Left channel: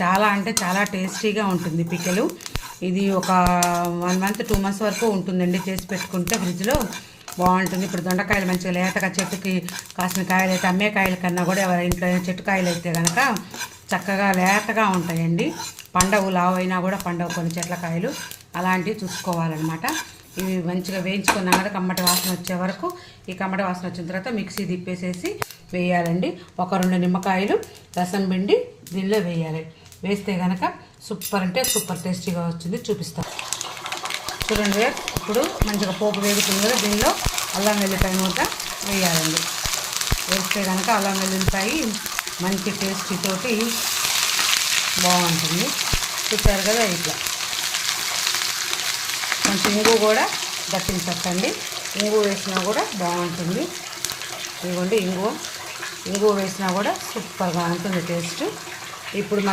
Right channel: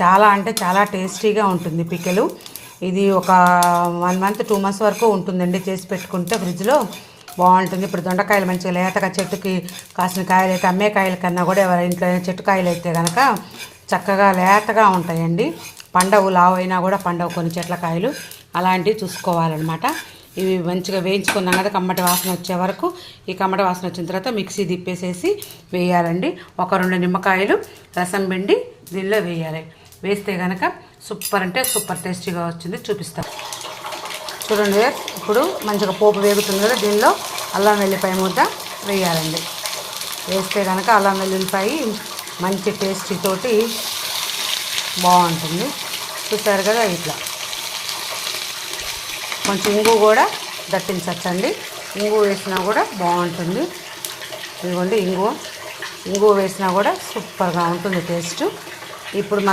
చాలా అంటే చాలా టేస్టీగా ఉంటుంది పికెలు. ఇది ఒక 1 మంత్ 2 మంత్స్ వరకు ఉంటుందండి. చేసి పెట్టుకుంటే ఫ్రిడ్జ్లో బాగుంటుంది. ఇప్పుడు దొండకాయలు మంచిగా లేతగా చెట్టుకి కాసిన కాయలు అయితే అమ్మే కాయల కన్నా కూడా ఎవరి ఇంట్లో చెట్టు కాయలు అయితే కనుక చక్కగా లేతగా ఉంటాయండి. పండవు, లావు అయినా కూడా పండవు కొన్ని చెట్ల కాయలు. అలాంటివి చూసుకోవాలన్నమాట. ఇవి మంచిగా వేయించుకున్నాం కదా, కమ్మటి వాసన వచ్చే వరకు. ఈ కమ్మటి వాసన వచ్చిన తర్వాత మిక్సీ తిప్పేసేసి వేయాలండి. ఒక 2 నిమ్మకాయలు రసం పిండి దీనిలో వేయాలి. వేస్తే కనుక సూపర్ అంటే సూపర్ టేస్టీగా వచ్చింది. చూపిస్తాను చూడండి. ఇప్పుడు మంచిగా పోపు వేగుతుంది కదా, దీనిలో అల్లం వెల్లిపాయ మూత వేయాలండి. వేస్తే కనుక అల్లం వెల్లుల్లిపాయ మంచి టేస్టీ తోటి బాగుంటుంది. చూసారు కదా, ఇట్లా కొంచెం ఇంగు కూడా దట్టించచ్చండి. ఇంగు వేసినా కూడా బాగుంటుంది. ఇదిగోండి ఇంగు వేసినా కూడా సూపర్గా ఉంటుంది టేస్ట్. ఇప్పుడు